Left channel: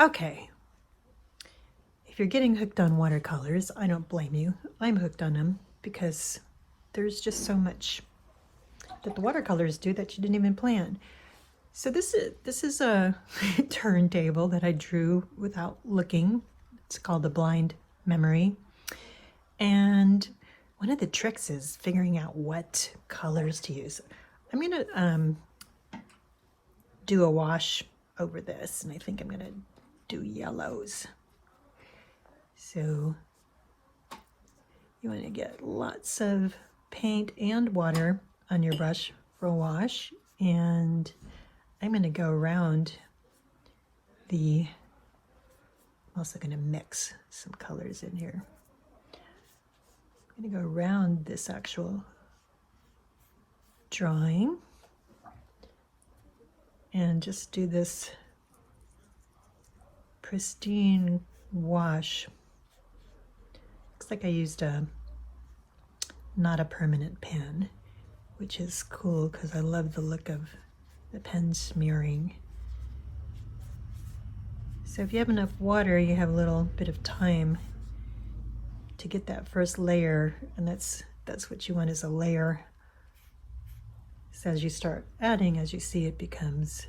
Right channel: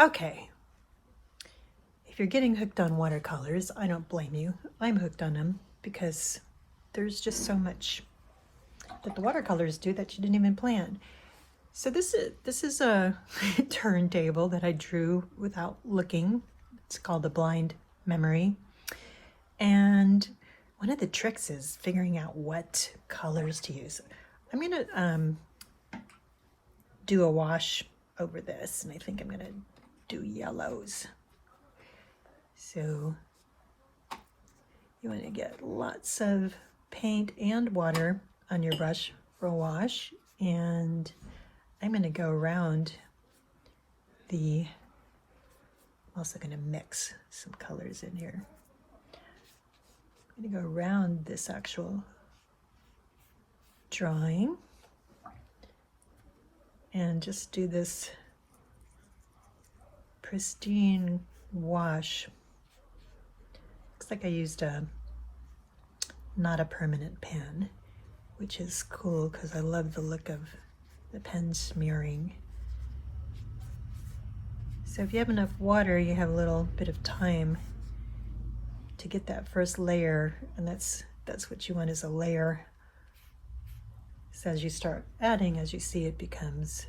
Okay, if you're getting hooked on watercolors, I don't blame you. I'm hooked on them because there's just so much that the watercolors do that you didn't even plan. So this is a turntable that I drew without looking. It's called the blind memory. And one of the tricks is figuring out what colors to use. I'm gonna do a wash over this, and I think I'm gonna do yellows. So you want to get lots of paint and water on your brush for a wash, and I'm going to go around I'm also going to mix some colors in here. I'm going to go around this actual drawing and just do this pristine wash. Looks like I used not a permanent pen, which is cool because I love the look of the pen smearing. So if you have enough water, you have a little bit of time to get that first layer, and that's what you want, is a layer. So as you start adding, as you see, it becomes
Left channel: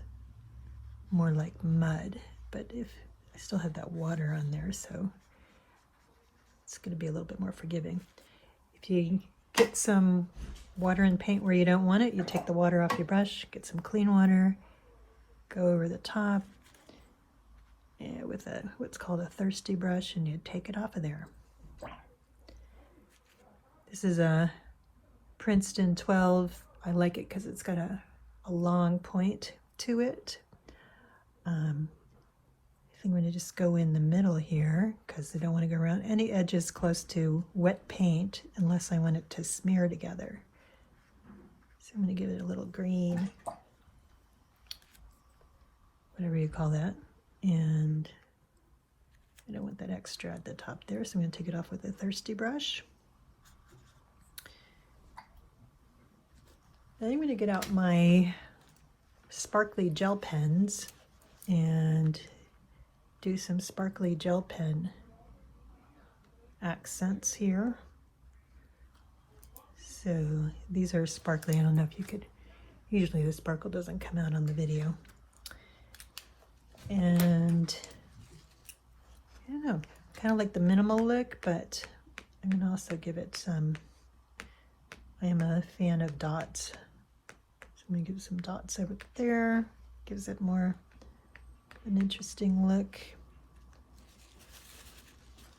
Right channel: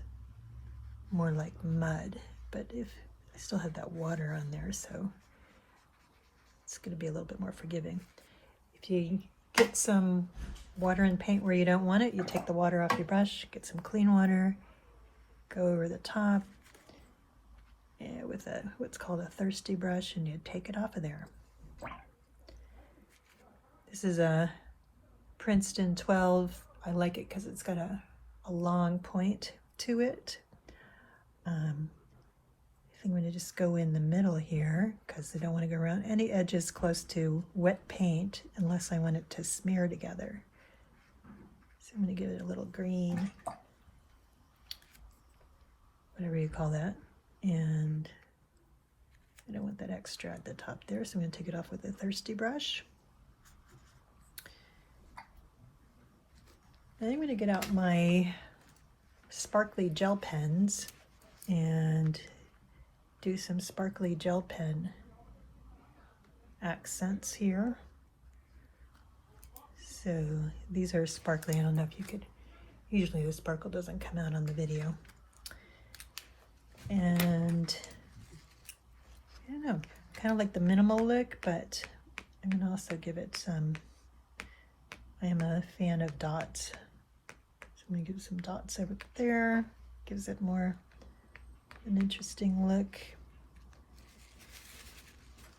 more like mud, but if I still have that water on there, so it's going to be a little bit more forgiving. If you get some water and paint where you don't want it, you take the water off your brush, get some clean water, go over the top with what's called a thirsty brush, and you take it off of there. This is a Princeton 12. I like it because it's got a long point to it. I think I'm going to just go in the middle here because I don't want to go around any edges close to wet paint unless I want it to smear together. So I'm going to give it a little green, whatever you call that, and I don't want that extra at the top there, so I'm going to take it off with a thirsty brush. Then I'm going to get out my sparkly gel pens and do some sparkly gel pen accents here. So these are sparkly. I don't know if you could, usually the sparkle doesn't come out on the video. And I don't know, kind of like the minimal look, but I'm going to also give it some, I am a fan of dots. So I'm going to give some dots over there, gives it more an interesting look.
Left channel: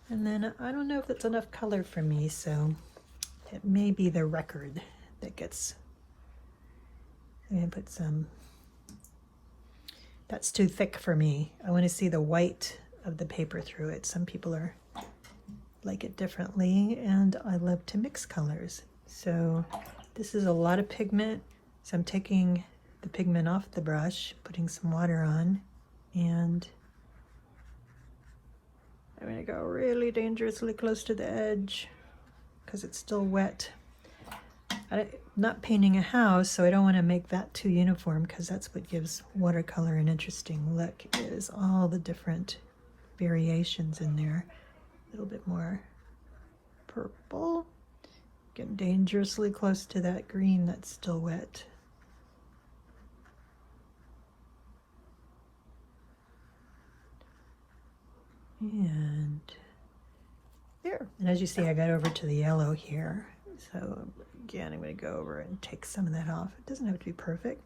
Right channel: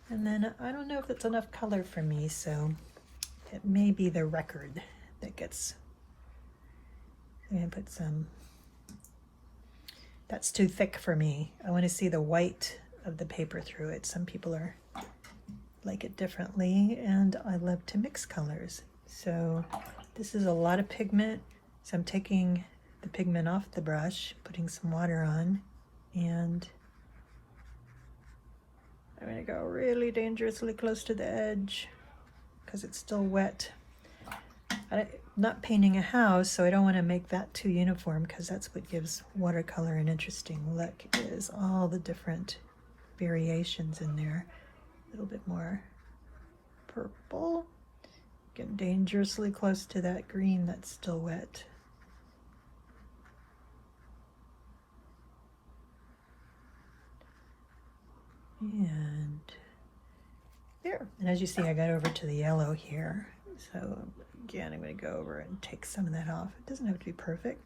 And then I don't know if it's enough color for me, so it may be the record that gets, I'm going to put some, that's too thick for me. I want to see the white of the paper through it. Some people like it differently, and I love to mix colors. So this is a lot of pigment, so I'm taking the pigment off the brush, putting some water on, and I'm going to go really dangerously close to the edge because it's still wet. I'm not painting a house, so I don't want to make that too uniform, because that's what gives watercolor an interesting look, is all the different variations in there. A little bit more purple. Get dangerously close to that green that's still wet. And there. And as you see, I got over to the yellow here. So again, I'm going to go over and take some of that off. It doesn't have to be perfect.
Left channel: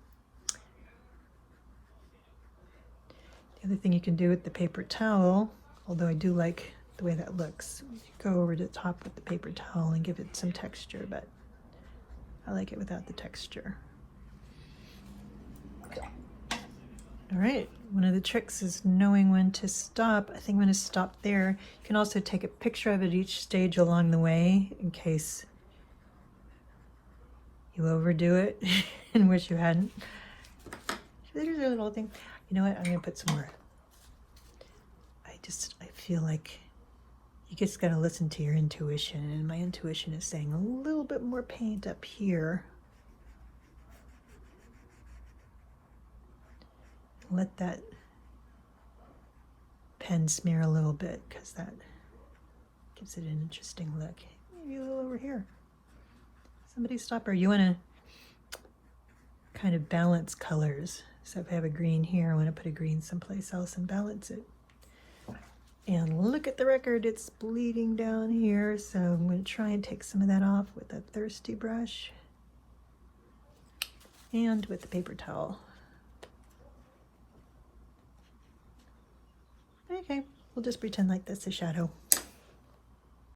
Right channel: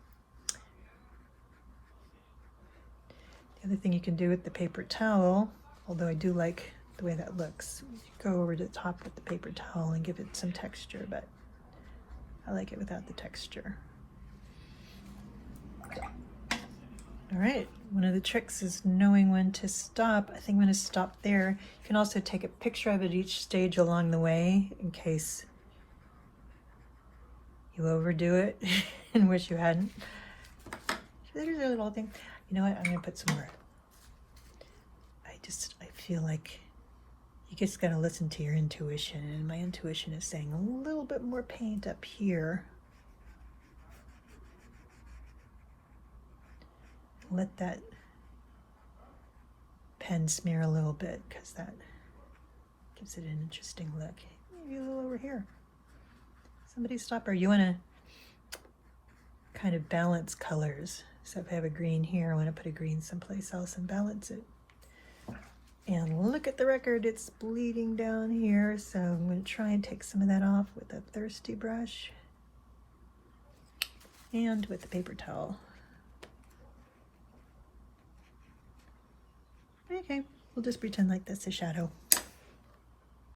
The other thing you can do with the paper towel, although I do like the way that looks, go over the top with the paper towel and give it some texture, but I like it without the texture. All right, one of the tricks is knowing when to stop. I think I'm going to stop there. You can also take a picture of it each stage along the way in case you overdo it and wish you hadn't. There's a little thing. You know what? I'm going to put some more. I feel like you just got to listen to your intuition, and my intuition is saying a little bit more paint up here. Let that pen smear a little bit because that gives it an interesting look. Maybe a little over here. Somebody stop her. You want to kind of balance colors. So if I have a green here, I want to put a green someplace else and balance it. And look at the record, it's bleeding down here. So I'm going to try and take some of that off with a thirsty brush and with the paper towel. Okay, we'll just pretend like that's a shadow.